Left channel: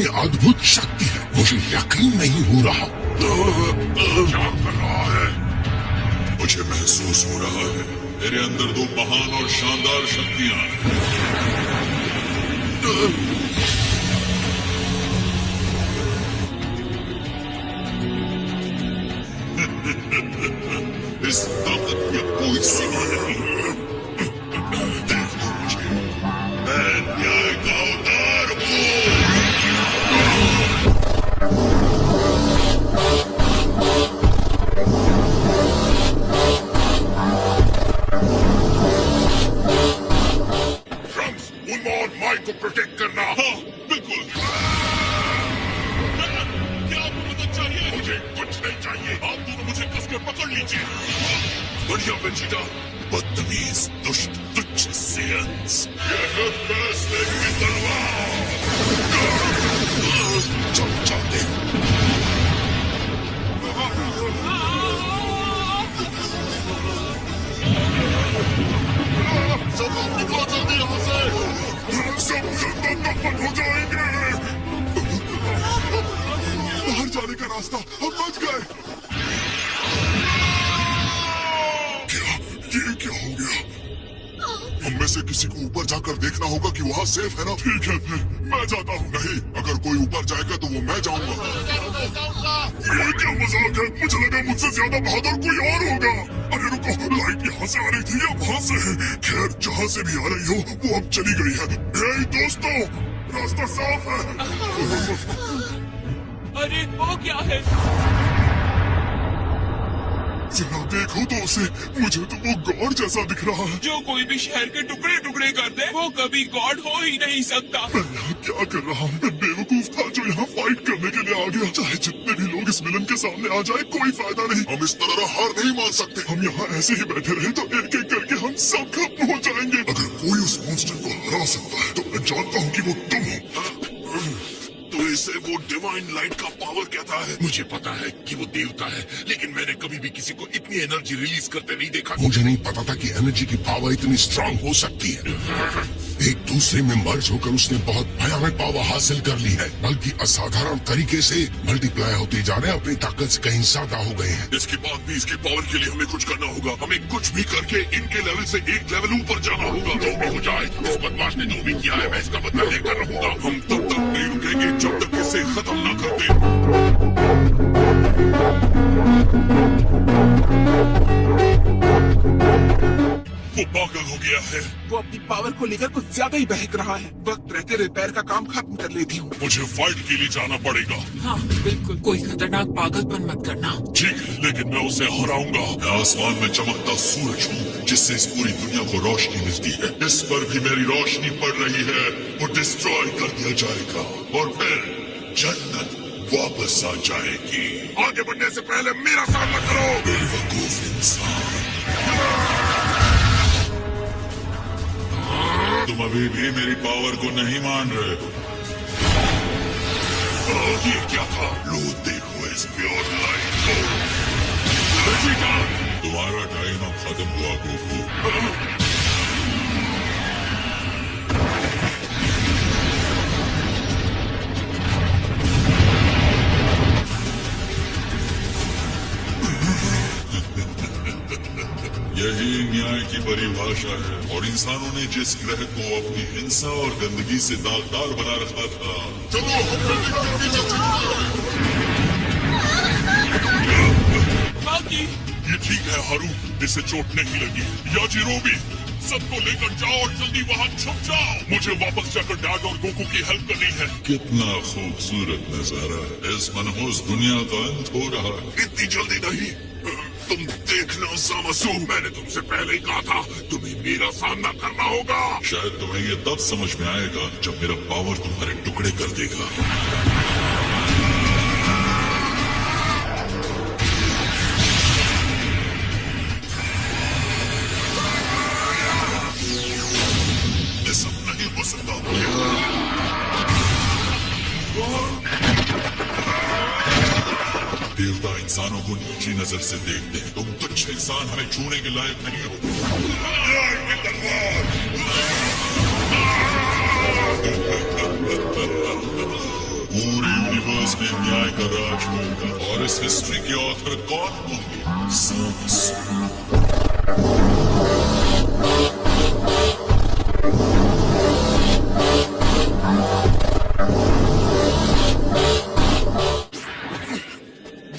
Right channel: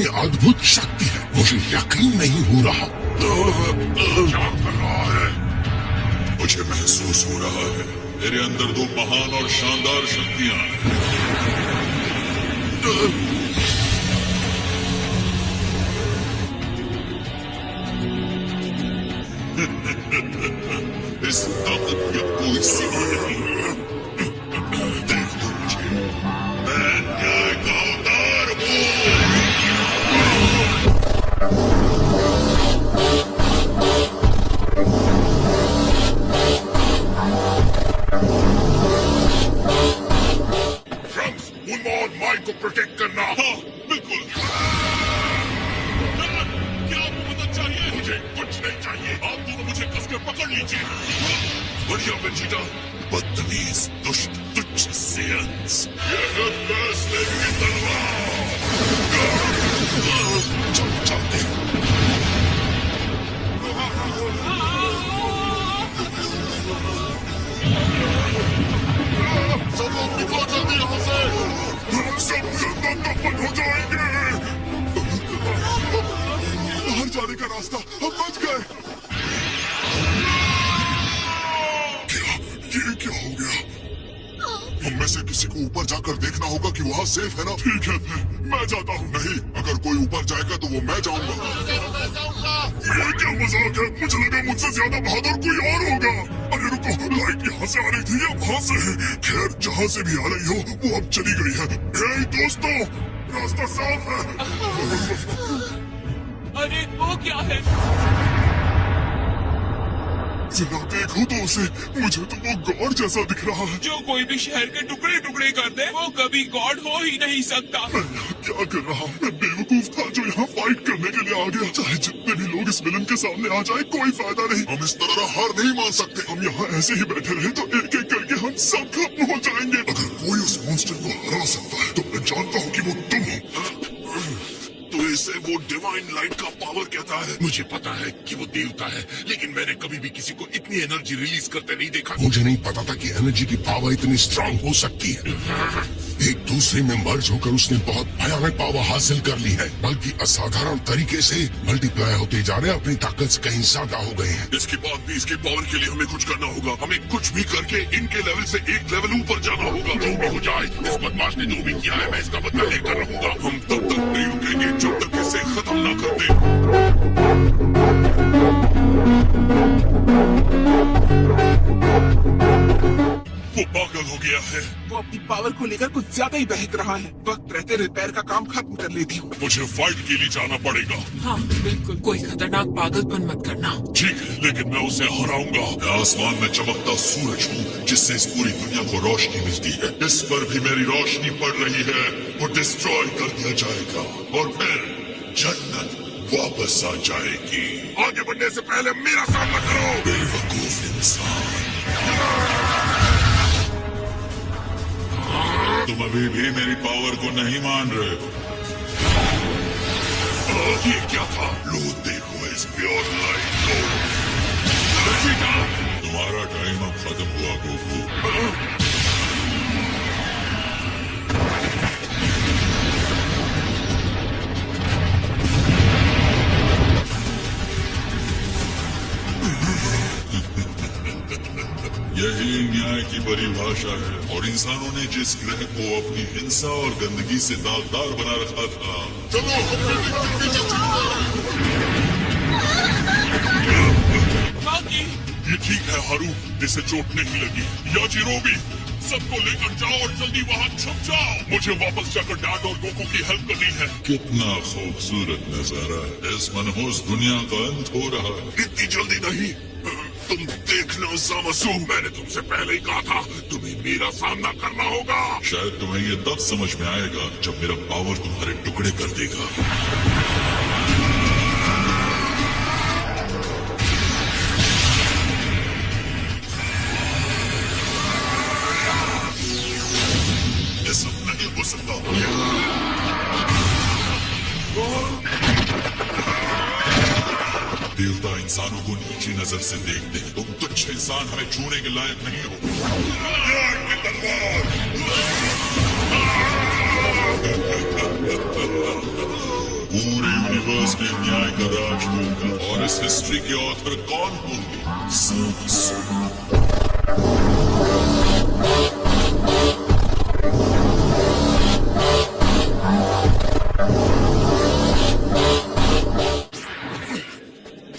कितनी अद्भुत शक्ति है, मुझे यकीन नहीं हो रहा। क्या कर रहा है? मुझे महसूस हो रहा है मेरे अंदर दो महान और शानदार शक्तियां हैं। इस ताकत में कोई सीमा नहीं। देख लो मुझे, मैं न्याय का अवतार हूँ। फ्रॉम्स, मुनमोहन माइक को प्रोटेक्ट करना। हाँ, बिल्कुल। क्या आपको मदद चाहिए? मुझे कुछ नहीं चाहिए। आप दोनों मुझे कसकर पकड़ लीजिए। बढ़िया वेजिटा, बदतमीज, दुष्ट, तुच्छ सेयंस। ये है फेरेस्लेक की तलवार। चलो चलते। सब लोग निकलो जल्दी यहाँ से। हम सब दफन हो जाएंगे। बाहर जाने का रास्ता, हम बच गए। क्या हो गया? हम में से किसी को ऊपर जाकर देखना होगा कि वहाँ सेफ है ना। ठीक है, मैं जाता हूँ। नहीं, अगर कोई ऊपर जाएगा तो वो मैं जाऊंगा। ये क्या मजाक है? मुझे लगा मुझसे ज्यादा बहादुर कोई और होगा। अरे रुको, लाइट यहाँ से आ रही थी या वहाँ से? खैर, जहाँ से भी आ रही हो वो अब चली गई है। हे दोस्तों, रास्ता साफ है। अरे वो क्या है? जरा देखो तो उसे, मुझे तो वो गॉड जैसा दिख रहा है। जो कोई भी शहर के टुकड़े टुकड़े कर दे वो कभी गॉड हो ही नहीं सकता। मैं यहाँ क्या कर रहा हूँ? मैं बेवकूफ था जो यहाँ फाइट करने के लिए आ गया। चाहे जितने भी लोग इस विलन के सामने आ जाए, कोई फायदा नहीं। हम इस तरह हार नहीं मान सकते। हम यहाँ ऐसे ही बैठे रहे तो एक एक करके हम सब खत्म हो जाएंगे। अगर कोई उस मॉन्स्टर को हरा सकता है तो मैं जानता हूँ कि वो तुम हो। तो इसे वो डिवाइन लाइट का पावर कहता है। मुझे पता है कि वो देवता है, लेकिन मैंने कभी भी किसी को इतनी एनर्जी रिलीज करते नहीं देखा। मुझे नहीं पता था कि एनर्जी की पावर इतनी स्ट्रांग हो सकती है। एक दूसरे में मर्ज होकर उसने बहुत भयानक पावर हासिल कर ली है, बल्कि असाधारण तरीके से मल्टीप्लाई होते जा रहे हैं, अपनी ताकत से कहीं ज्यादा हो गए हैं। इसके बाद भी इसके पावर के लिए हमें कुछ करना होगा। हमें कुछ भी करके इनके लेवल से एक लेवल ऊपर जाना होगा। जो भी हो जाए, इस बदमाश ने जो भी किया है मैं इसका बदला लेकर रहूंगा। हम तब तक नहीं रुकेंगे जब तक इसे खत्म न कर दे। वो पागल हो गया है। वो अपनी पावर को लेकर कुछ ज्यादा ही बहक रहा है। वक्त रहते रिपेयर का काम खत्म कर लेती हूँ। मुझे फाइट के लिए जाना पड़ेगा। हाँ बिल्कुल, कोई खतरनाक पागलपन मत करना। ठीक है, लेकिन मैं उसे हराऊंगा। मैं आसमान में चमकता सूरज हूँ जिससे इस पूरी दुनिया को रोशनी मिलती है। इस पर भी मेरी रोशनी पड़ रही है। वो डिस्ट्रॉय कर दिया जाएगा और फिर जन्नत वापस आ जाएगी। आगे बढ़ने से पहले मेरा सामना करो, बेवकूफ इंसान। तुम अभी भी मेरी पावर को नहीं मान रहे हो। ये क्या था? लो देखो इस प्योर लाइट को। रचिता, तुम्हारा टाइम अब खत्म हुआ गोकू। यही न्याय की परिभाषा है, और इंसानों ने जिस ग्रह को अपनी हिंसा और गंदगी से दागदार बना रखा था। चलो बाकी ये ठीक है हारू, इसे चोट नहीं लगी। याजिरोबी, सबको लेकर जाओ और जल्दी वहाँ छुप जाओ। मुझे वापस जाकर डैड और गोकू की हेल्प करनी है। कितना खूबसूरत नजारा है। इस मनहूस दुनिया का अंत हो रहा है। इतनी जल्दी नहीं। तुम देखना ज़ामासु, मैंने तुमसे पहले ही कहा था तुम्हें मेरा सामना करना होगा। शायद तुम्हें ये तब समझ में आएगा जब मेरा पावर तुम्हारे टुकड़े कर देगा। ऐसा नहीं हो सकता। देवता इंसानों को नीची नजर से देखते हैं। तुम तुच्छ इंसान हमें छूने के लायक नहीं हो। वो इसमें न्याय का राज होगा और इस हिस्ट्री के ऑथर कौन होंगे? सामसू।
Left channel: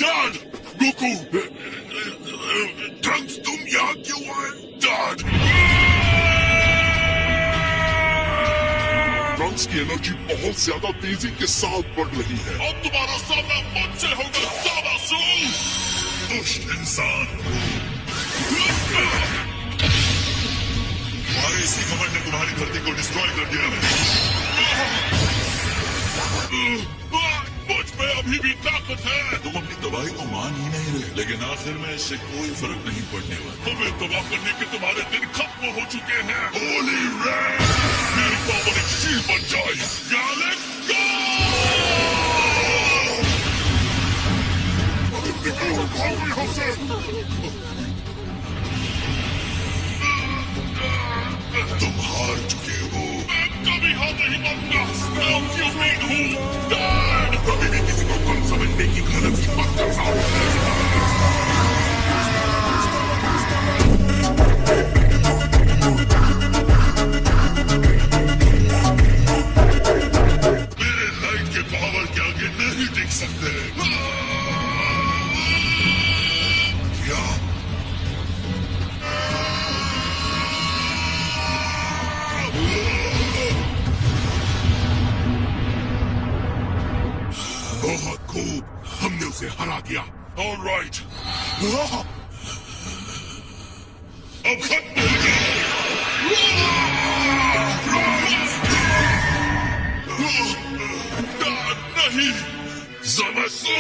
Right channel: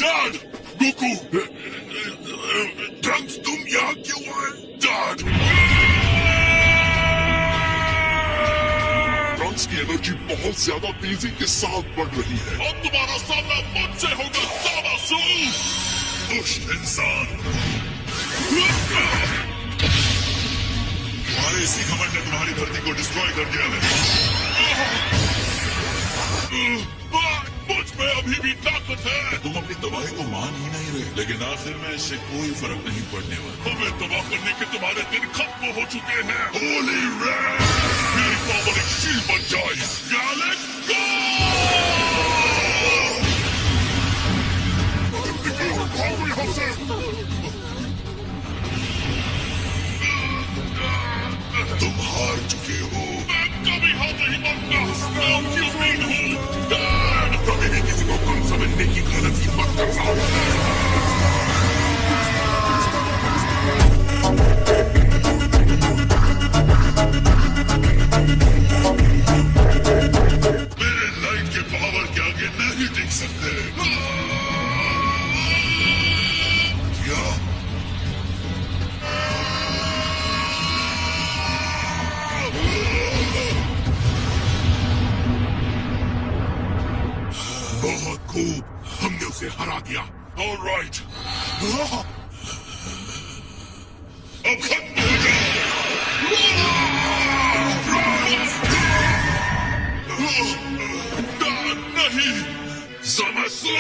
डैड, गोकू, ट्रंक्स तुम यहाँ क्यों आए? डैड, ट्रंक्स की एनर्जी बहुत ज्यादा तेजी के साथ बढ़ रही है। अब तुम्हारा सामना मुझसे होगा सामासू, दुष्ट इंसान। तुम्हारे इसी घमंड ने तुम्हारी धरती को डिस्ट्रॉय कर दिया है। मुझ में अभी भी ताकत है। तुम अपनी तबाही को मान ही नहीं रहे, लेकिन आखिर में इससे कोई फर्क नहीं पड़ने वाला। हमें तबाह करने के तुम्हारे दिन खत्म हो चुके हैं। होली रेड, मेरी पावर एक शील्ड बन जाए। गैलेक्ट गो! तुम हार चुके हो। मैं कभी हार नहीं मानूंगा। मैं क्यों नहीं हूँ? डैड, कभी भी किसी को कम समझने की गलती मत करना। मेरे लाइट के पावर के आगे नहीं टिक सकते। क्या? बहुत खूब, हमने उसे हरा दिया। All right. अब खत्म हो गया। नहीं, ज़मासू,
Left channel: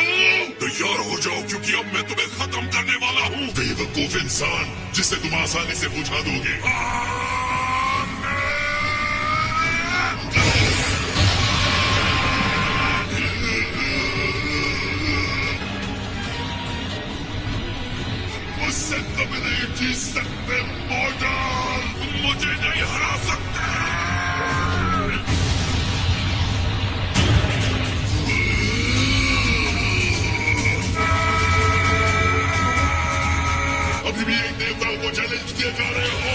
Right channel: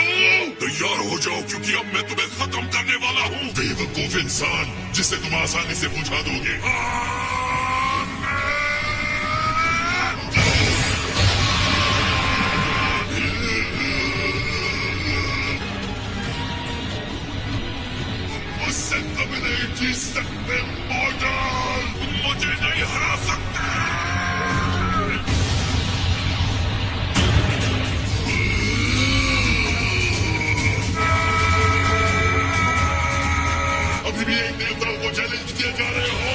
तैयार हो जाओ क्योंकि अब मैं तुम्हें खत्म करने वाला हूँ। बेवकूफ इंसान जिसे तुम आसानी से बुझा दोगे। मुझसे तुम नहीं जीत सकते मॉडल, मुझे नहीं हरा सकते। अभी भी एक देवता को चैलेंज किए जा रहे हो।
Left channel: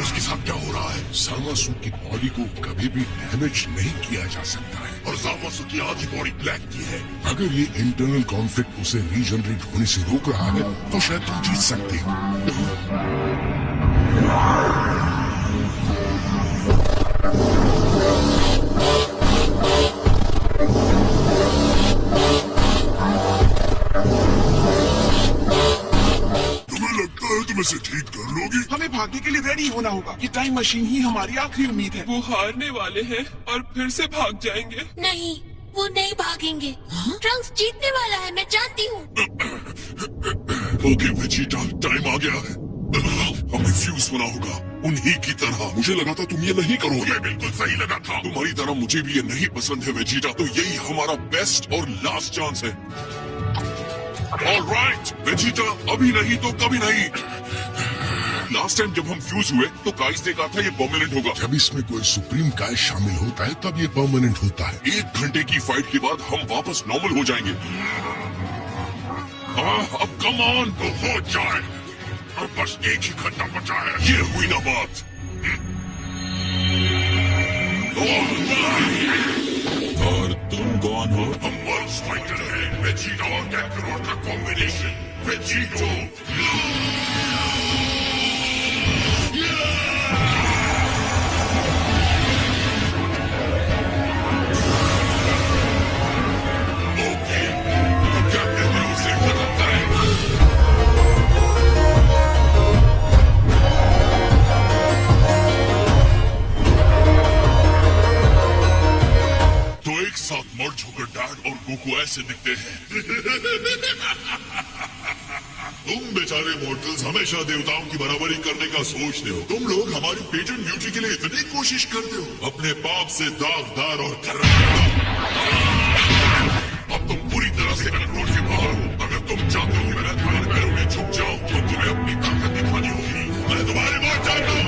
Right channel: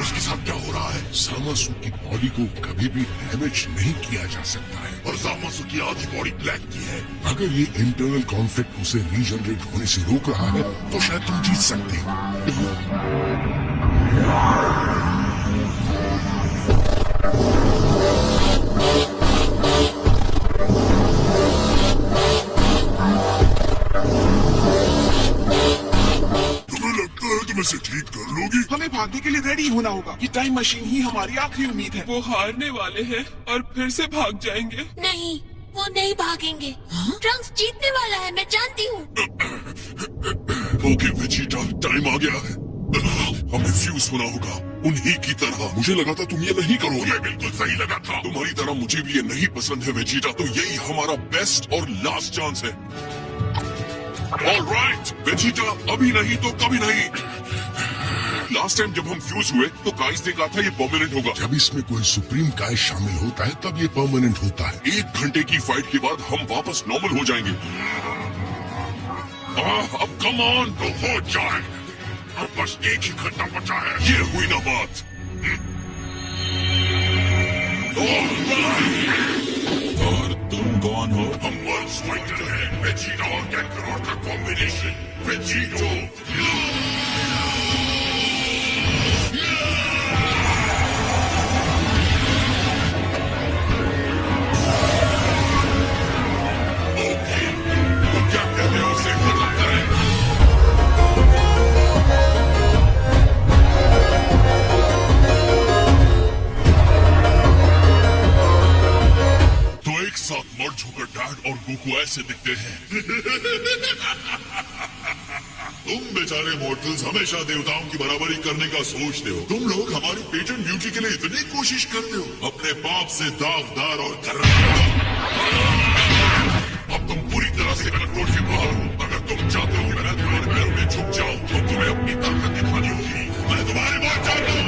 उसके साथ क्या हो रहा है? ज़मासू की बॉडी को कभी भी डैमेज नहीं किया जा सकता है और ज़मासू की आधी बॉडी ब्लैक की है। अगर ये इंटरनल कॉन्फ्लिक्ट उसे रीजनरेट होने से रोक रहा है तो शायद तुम जीत सकते हो। इसे ठीक कर लोगी? हमें भागने के लिए रेडी होना होगा। ये टाइम मशीन ही हमारी आखिरी उम्मीद है। वो हारने वाले हैं और फिर से भाग जाएंगे। नहीं, वो नहीं भागेंगे। ट्रंक्स जीतने वाला है, मैं जानती हूँ। ओके वेजिटा, टाइम आ गया है। हमें फ्यूज होना होगा उन्हीं की तरह। मुझे लगा था तुम ये नहीं करोगे। बिल्कुल सही लगा था। तुम्हारी तरह मुझे भी ये नहीं पसंद है वेजिटा, तो यही हमारा बेस्ट और लास्ट चांस है। ऑलराइट वेजिटा, अभी नहीं तो कभी नहीं। लास्ट टाइम जब हम फ्यूज हुए तो काइस ने कहा था ये परमानेंट होगा। जब इसमें कोई सुप्रीम काइस शामिल होता है तब ये परमानेंट होता है। 1 घंटे की फाइट के बाद हम वापस नॉर्मल हो जाएंगे। अब कम ऑन तो हो जाए। अब बस एक ही घंटा बचा है। ये हुई ना बात। और तुम कौन हो? हम वर्ल्ड फाइटर हैं। वेजिटो और कैकरोट का कॉम्बिनेशन। वेजिटो। और गोकू ऐसे दिखते हैं। तुम बेचारे मॉर्टल्स हमेशा देवताओं की बराबरी करने का सोचते हो। तुम लोग हमारी पेटेंट ड्यूटी के लिए इतनी कोशिश करते हो, अपने पाप से दागदार और अब तुम पूरी तरह से कंट्रोल के बाहर हो। अगर तुम चाहते हो कि मैं तुम्हारे पैरों में झुक जाऊं तो तुम्हें अपनी ताकत दिखानी होगी। मैं तुम्हारे बहुत चाहता हूं।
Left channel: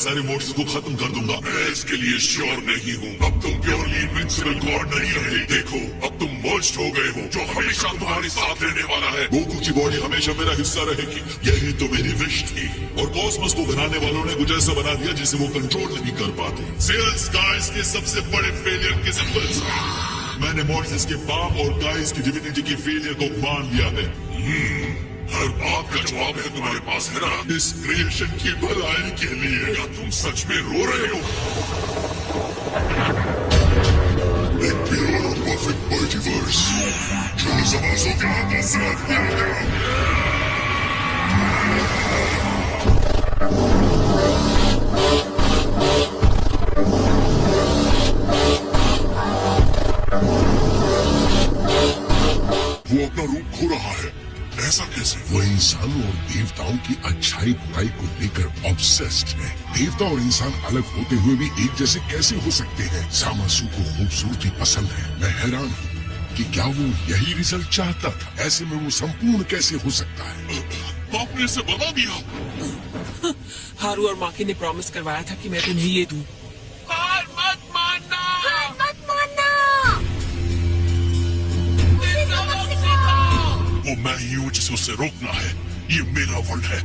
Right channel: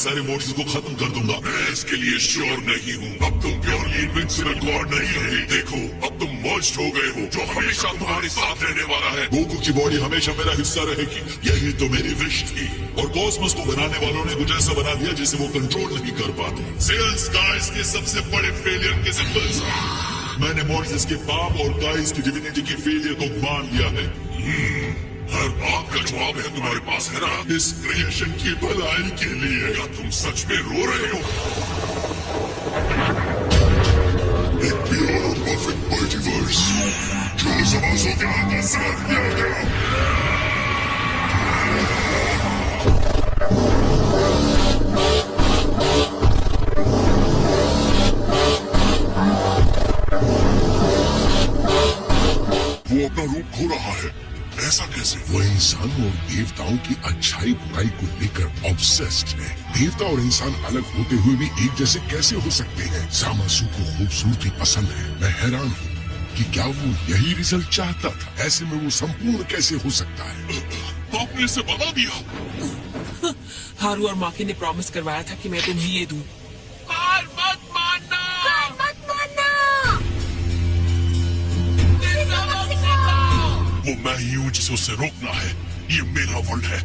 सारे मोड्स को खत्म कर दूंगा। मैं इसके लिए श्योर नहीं हूँ। अब तुम प्योरली इनविंसिबल गॉड नहीं रहे। देखो अब तुम मर्ज्ड हो गए हो, जो हमेशा तुम्हारे साथ रहने वाला है। गोकू की बॉडी हमेशा मेरा हिस्सा रहेगी। यही तो मेरी विश थी। और कॉस्मोस को बनाने वालों ने कुछ ऐसा बना दिया जिसे वो कंट्रोल नहीं कर पाते। सेल्स गाइस के सबसे बड़े फेलियर के सिंबल्स। मैंने मोड्स के पाप और गाइस की डिविनिटी की फेलियर को मान लिया है। हर बात का जवाब है तुम्हारे पास, है ना? इस क्रिएशन की भलाई के लिए। या तुम सच में रो रहे हो? एक प्योर और परफेक्ट मल्टीवर्स जो समाजों के हाथ में साथ दिया गया। वो अपना रूप खो रहा है। ऐसा कैसे? वो इंसानों और देवताओं की अच्छाई बुराई को लेकर ऑब्सेस्ड है। देवता और इंसान अलग होते हुए भी एक जैसे कैसे हो सकते हैं? सामासु को खूबसूरती पसंद है। मैं हैरान हूँ कि क्या वो यही रिजल्ट चाहता था? ऐसे में वो संपूर्ण कैसे हो सकता है? आपने इसे बना दिया। हारू और माकी ने प्रॉमिस करवाया था कि मैं तुम्हें ये दूं। हार मत मानना। हार मत मानना। वो मैं ही हूँ जिसे उसे रोकना है। ये मेरा वर्ल्ड है।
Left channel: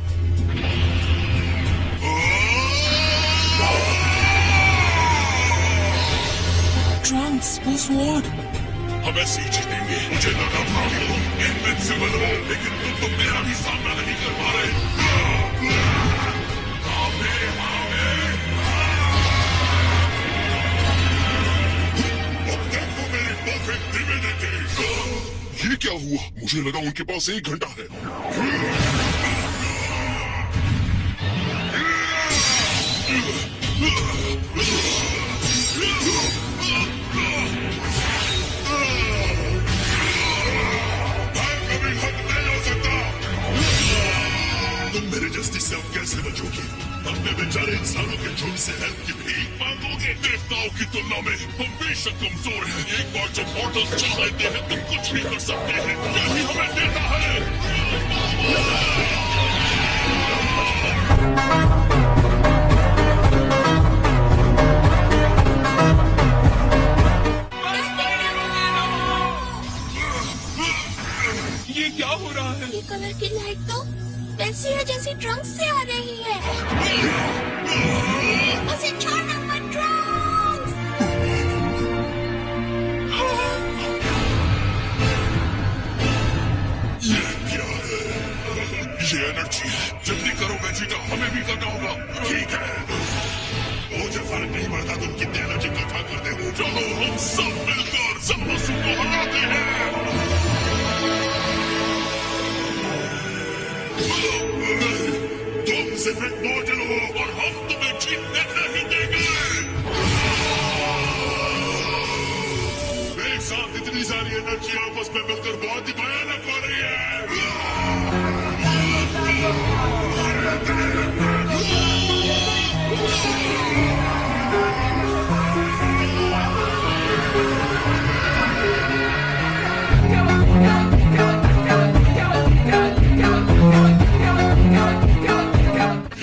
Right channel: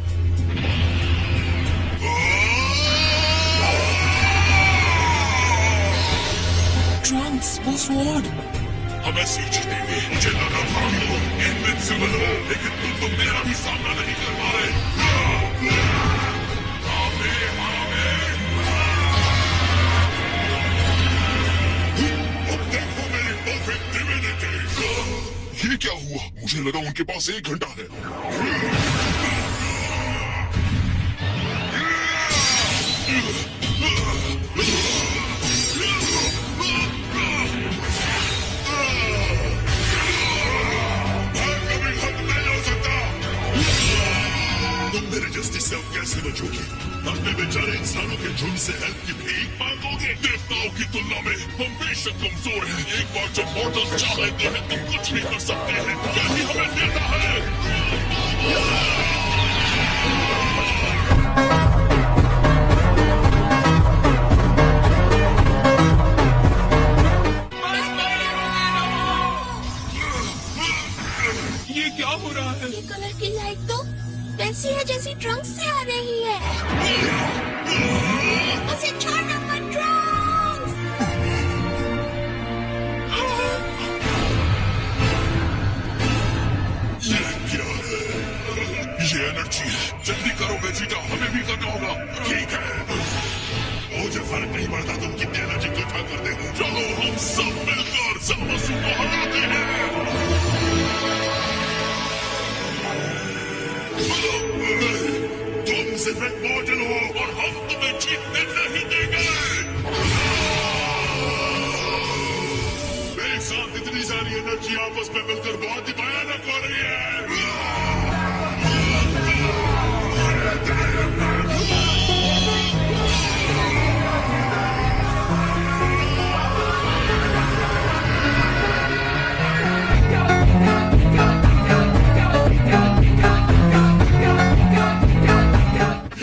ट्रंक्स, वो स्वॉर्ड। हम ऐसे ही जीतेंगे। मुझे लगा था कि तुम इनविंसिबल हो, लेकिन तुम तो मेरा भी सामना नहीं कर पा रहे। ये क्या हुआ? मुझे लगा उनके पास 1 घंटा है। मेरे जस्टिस से अब कैसे बचोगी? अपने बेचारे इंसानों के झुंड से हेल्प की भीख मांगोगे? देवताओं की तुलना में हम बेशक कमजोर हैं। एक बार जब मॉर्टल्स चाह लेते हैं तो कुछ भी कर सकते हैं। यही हमें देता है। ये क्या हो रहा है? ये कलर की लाइट तो वैसी है जैसी ट्रंक्स से आ रही है। उसे छोड़ना मत, ट्रंक्स। ये क्या है? ये एनर्जी है। जल्दी करो वेजिटा, हमें भी करना होगा। ठीक है। मुझे फर्क नहीं पड़ता तुम कितनी एनर्जी इकट्ठा करते हो। चलो हम सब ज़मासु को हराते हैं। तुम सिर्फ एक मॉडल हो और हम तुम्हें जीतने नहीं देंगे। एक साथ इतनी सारी एनर्जी आपस में मिलकर बहुत ही भयानक हो रही है।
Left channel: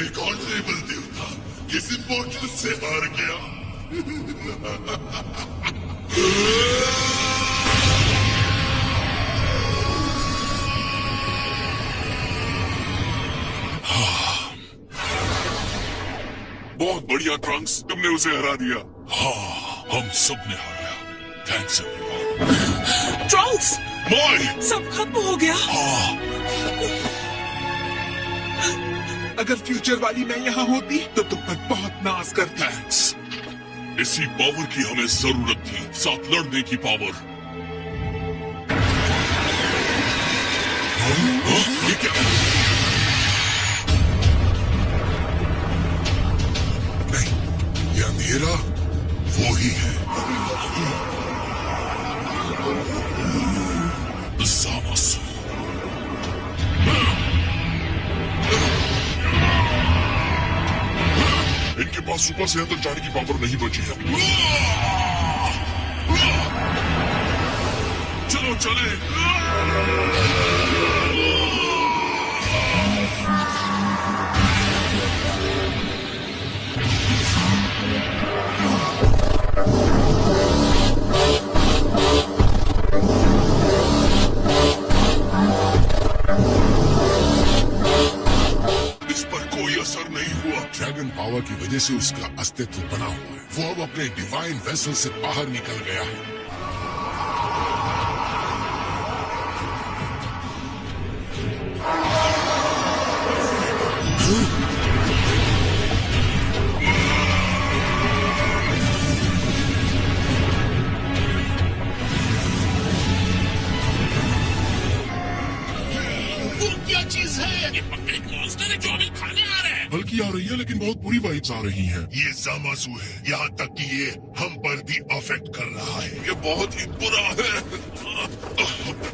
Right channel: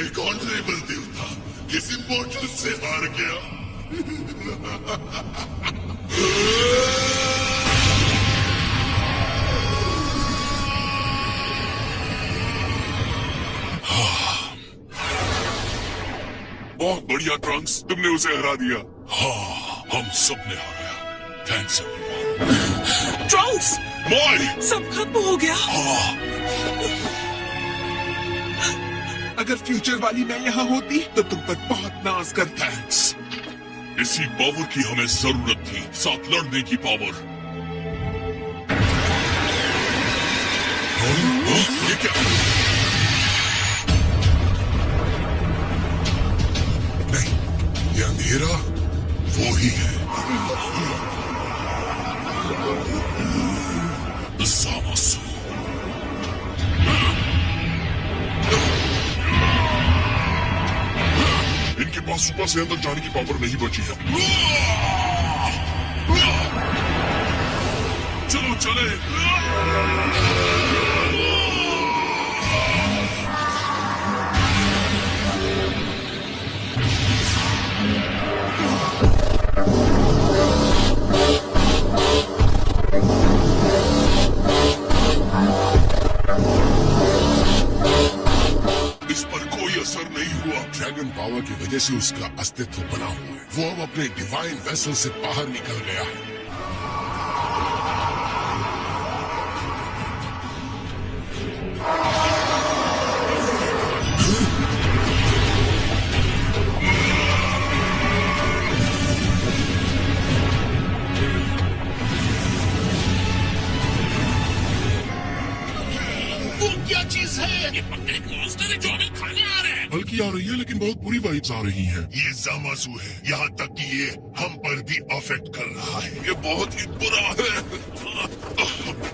एक ऑनरेबल देवता किस इम्पोर्टल से हार गया। बहुत बढ़िया ट्रंक्स, तुमने उसे हरा दिया। हाँ, हम सब ने हारा। Thanks everyone. ट्रंक्स, माय, सब खत्म हो गया। हाँ, अगर फ्यूचर वाली मैं यहाँ होती तो तुम पर बहुत नाज करती। थैंक्स। इसी पावर की हमें जरूरत थी, साथ लड़ने की पावर। ये क्या? नहीं, ये अंधेरा वो ही है। ज़मासु। इनके पास सुपर से अंदर जाने की पावर नहीं बची है। चलो चले। इस पर कोई असर नहीं हुआ। ड्रैगन पावर की वजह से उसका अस्तित्व बना हुआ है। वो अब अपने डिवाइन वेसल से बाहर निकल गया है। वो क्या चीज है? ये पक्का एक मॉन्स्टर है जो हमें खाने आ रहा है। बल्कि आ रही है, लेकिन बहुत बुरी वाइब्स आ रही हैं। ये ज़मासु है, यहाँ तक कि ये हम पर भी अफेक्ट कर रहा है। ये बहुत ही बुरा है,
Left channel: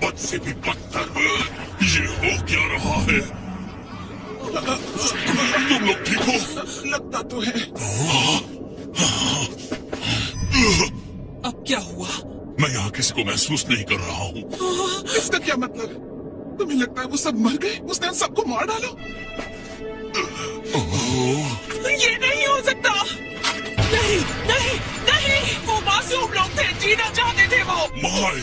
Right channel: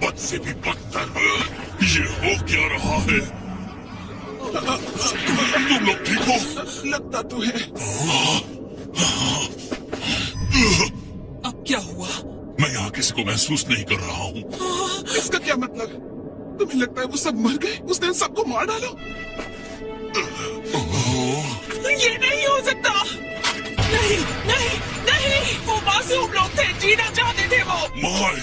बद से भी बदतर। ये हो क्या रहा है? तुम लोग ठीक हो? लगता तो है। अब क्या हुआ? मैं यहाँ किसी को महसूस नहीं कर रहा हूँ। इसका क्या मतलब? तुम्हें लगता है वो सब मर गए? उसने उन सबको मार डाला? ये नहीं हो सकता। नहीं, नहीं, नहीं। वो मासूम लोग थे, जीना चाहते थे वो। माय,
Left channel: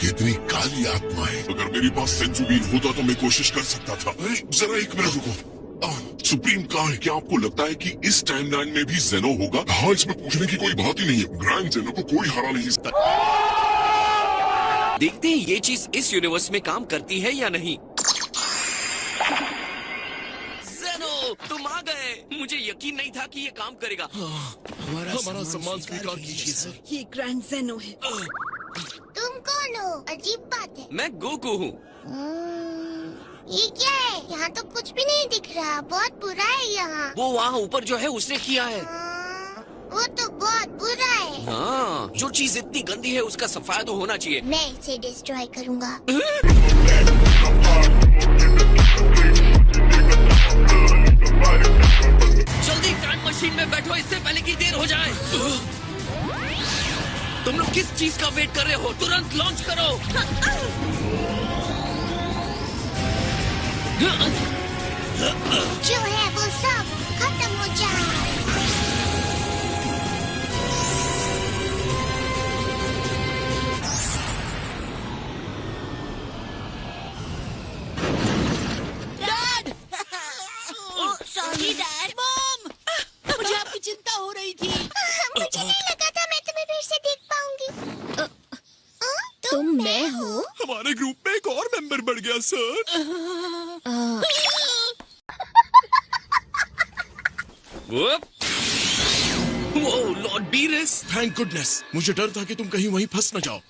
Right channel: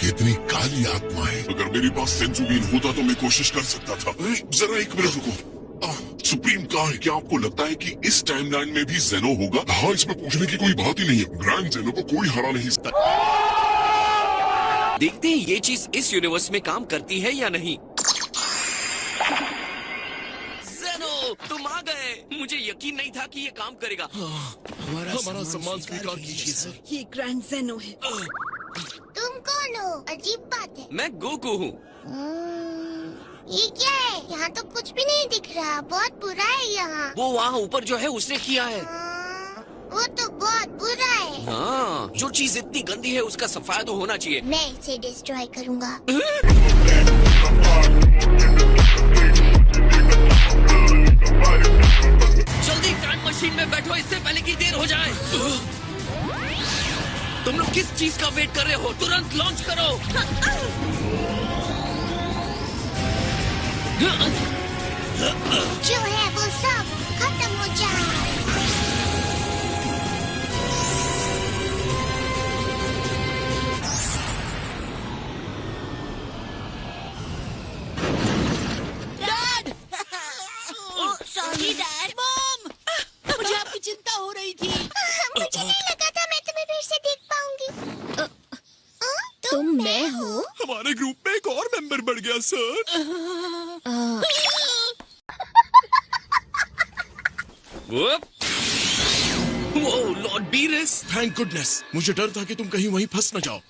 कितनी काली आत्माएं। अगर मेरे पास सेंसुबीन होता तो मैं कोशिश कर सकता था। जरा एक मिनट रुको। सुप्रीम कहाँ है? क्या आपको लगता है कि इस टाइमलाइन में भी जेनो होगा? हाँ, इसमें पूछने की कोई बात ही नहीं है। ग्रैंड जेनो को कोई हरा नहीं सकता। देखते हैं ये चीज इस यूनिवर्स में काम करती है या नहीं। जेनो, तुम आ गए। मुझे यकीन नहीं था कि ये काम करेगा। हमारा सम्मान स्वीकार कीजिए सर। ये ग्रैंड ज़ेनो है। तुम कौन हो? अजीब बात है। मैं गोकू हूँ। ये क्या है? यहाँ तो कुछ भी नहीं दिख रहा। बहुत बुरा है यहाँ। वो वहाँ ऊपर जो है उसने किया है। वो तो बहुत बुरा है। हाँ, जो चीज इतनी गंदी है उसका सफाया तो होना चाहिए। मैं इसे डिस्ट्रॉय करूँगा। जल्दी टाइम मशीन में बैठो, इससे पहले कि देर हो जाए। तुम लोग किस चीज का वेट कर रहे हो? तुरंत लॉन्च करो। जो है वो सब खत्म हो जाए। Sorry dad. मॉम, मुझे आपकी चिंता हो रही थी। मुझे नहीं लगा था मैं तुम्हें फिर से देख पाऊंगी। तुम मैं हो? हमारे ग्रुप में एक और मेंबर बढ़ गया सर। वो लॉर्ड बीरस। थैंक गुडनेस, मुझे डर था कि तुम कहीं वहीं फंस न जाओ।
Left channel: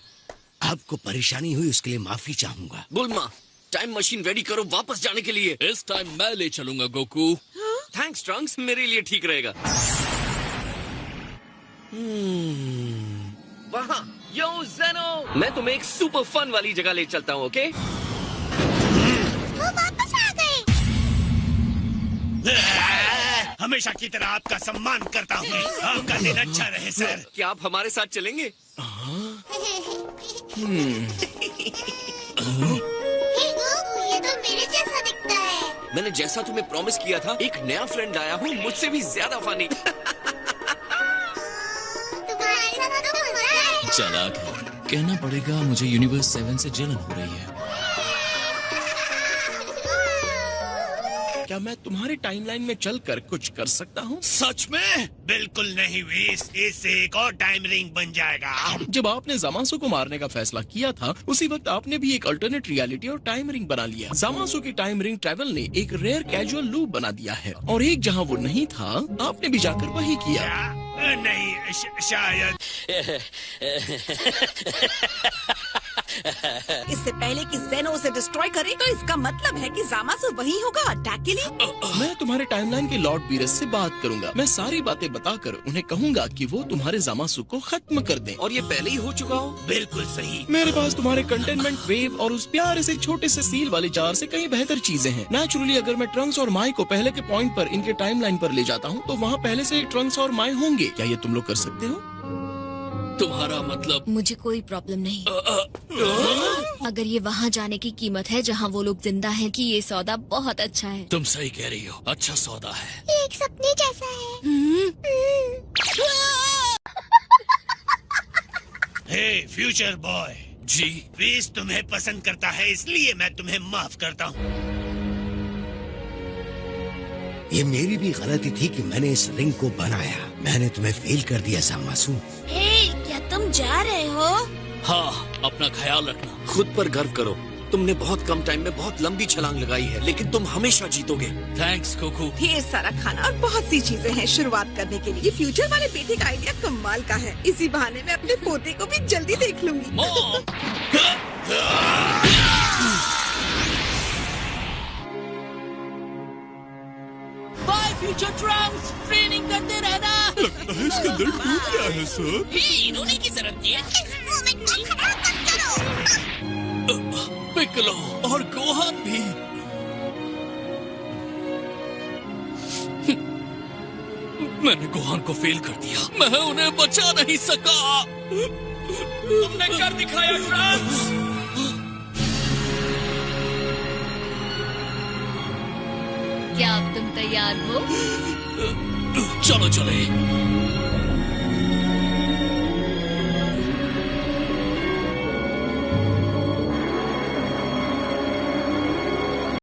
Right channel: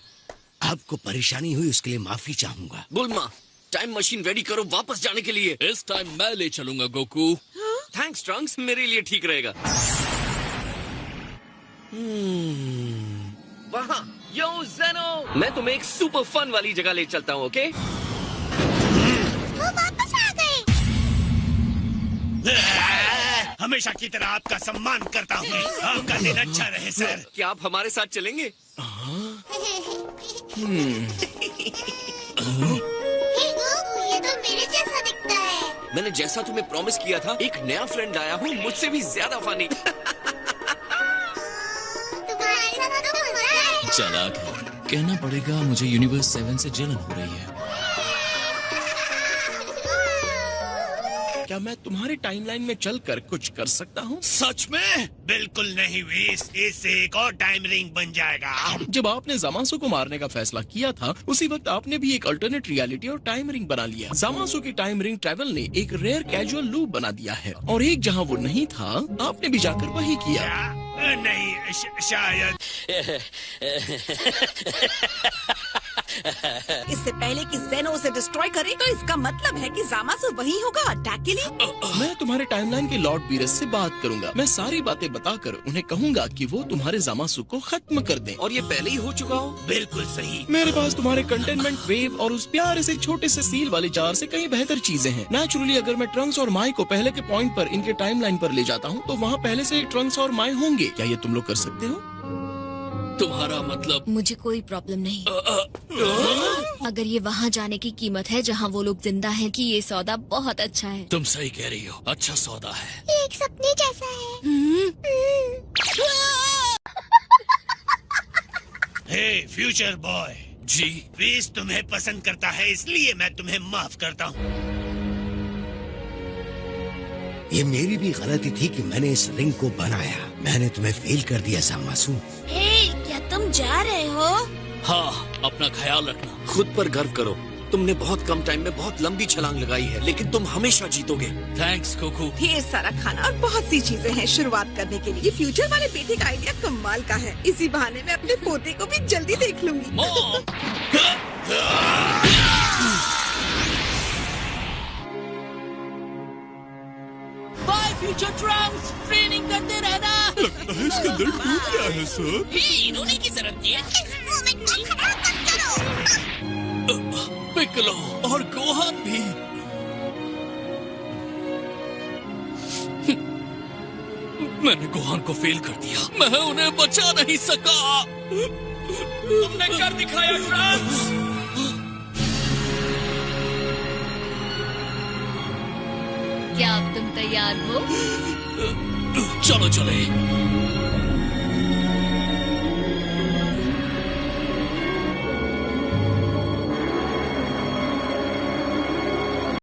आपको परेशानी हुई उसके लिए माफी चाहूंगा। बुल्मा, टाइम मशीन रेडी करो वापस जाने के लिए। इस टाइम मैं ले चलूंगा गोकू। थैंक्स ट्रंक्स, मेरे लिए ठीक रहेगा। वहाँ, यो ज़ेनो, मैं तुम्हें एक सुपर फन वाली जगह ले चलता हूँ, ओके? वो वापस आ गए। हमेशा की तरह आपका सम्मान करता हूँ। आपका दिन अच्छा रहे सर। क्या आप हमारे साथ चलेंगे? ये तो मेरे जैसा दिखता है। मैंने जैसा तुम्हें प्रॉमिस किया था, एक नया फ्रेंड आया हूँ, मुझसे भी ज्यादा फनी। तुम्हारे साथ तो मजा है। चालाक है, कहना पड़ेगा मुझे यूनिवर्स 7 से जलन हो रही है। क्या मैं तुम्हारे टाइमलाइन में चलकर कुछ कर सकता हूँ? सच में? बिल्कुल नहीं वीस, इससे एक और टाइम रिंग बन जाएगा। जब आपने जामासो को मारने का फैसला किया था, उसी वक्त आपने भी एक अल्टरनेट रियलिटी और टाइम रिंग बना लिया। जामासो की टाइम रिंग ट्रैवल ने एक रेयर कैजुअल लूप बना दिया है, और एक जहाँ वो नहीं था, आपने भी जाकर वही किया। नहीं, शायद। इससे पहले कि ज़ेनो उसे डिस्ट्रॉय करे, तो इसका मतलब है कि जामासो वही होगा अटैक के लिए। मैं तुम्हारे टाइमलाइन के लॉर्ड बीरस से बात करूंगा। मैं सारी बातें बताकर उन्हें कहूंगा कि वो तुम्हारे जामासो को खत्म कर दें। और ये पहले ही हो चुका हो? बिल्कुल सही। मेरे पास तुम्हारे कंटेनमेंट वेव और उस प्यारे से छोटे से सील वाले जार से कई बेहतर चीजें हैं। नेचुरली अगर मैं ट्रंक्स और माई को पहले के पॉइंट पर इनके टाइमलाइन पर ले जाता हूँ, तो वहाँ पहले से ट्रंक्स और माई होंगे। क्या ये तुम लोग कर सकते हो? तुम्हारा मतलब? मुझे कोई प्रॉब्लम नहीं। अगर ये वहाँ जाने की कीमत है जहाँ वो लोग जिंदा हैं, कि ये सौदा बहुत अच्छा है। तुम सही कह रही हो, अच्छा सौदा है। ये एक सपने जैसा है। हे फ्यूचर बॉय जी। वीस तुम्हें पसंद करता है, इसलिए मैं तुम्हें माफ करता हूँ। ये मेरी भी गलती थी कि मैंने इस रिंग को बनाया। मैंने तुम्हें फेल कर दिया जामासू। क्या तुम जा रहे हो? हाँ, अपना ख्याल रखना। खुद पर गर्व करो। तुमने बहुत कम टाइम में बहुत लंबी छलांग लगाई है, लेकिन तुम हमेशा जीतोगे। Thanks cuckoo. ढेर सारा खाना और बहुत सी चीजें हैं शुरुआत करने के लिए। ये फ्यूचर वाले बेटे का आइडिया कमाल का है। इसी बहाने मैं अपने पोते को भी जल्दी देख लूंगी। बाय फ्यूचर ट्रंक्स, ट्रेनिंग करते रहना। लगता है इसके अंदर टूट गया है सर। इन्होंने की जरूरत नहीं है। इस मोमेंट को खराब मत करो। पिकलो और गोहान भी। मैंने गोहान को फेल कर दिया। मैं उन्हें बचा नहीं सका। तुमने कर दिखाया ट्रंक्स। क्या अब तुम तैयार हो? चलो चले।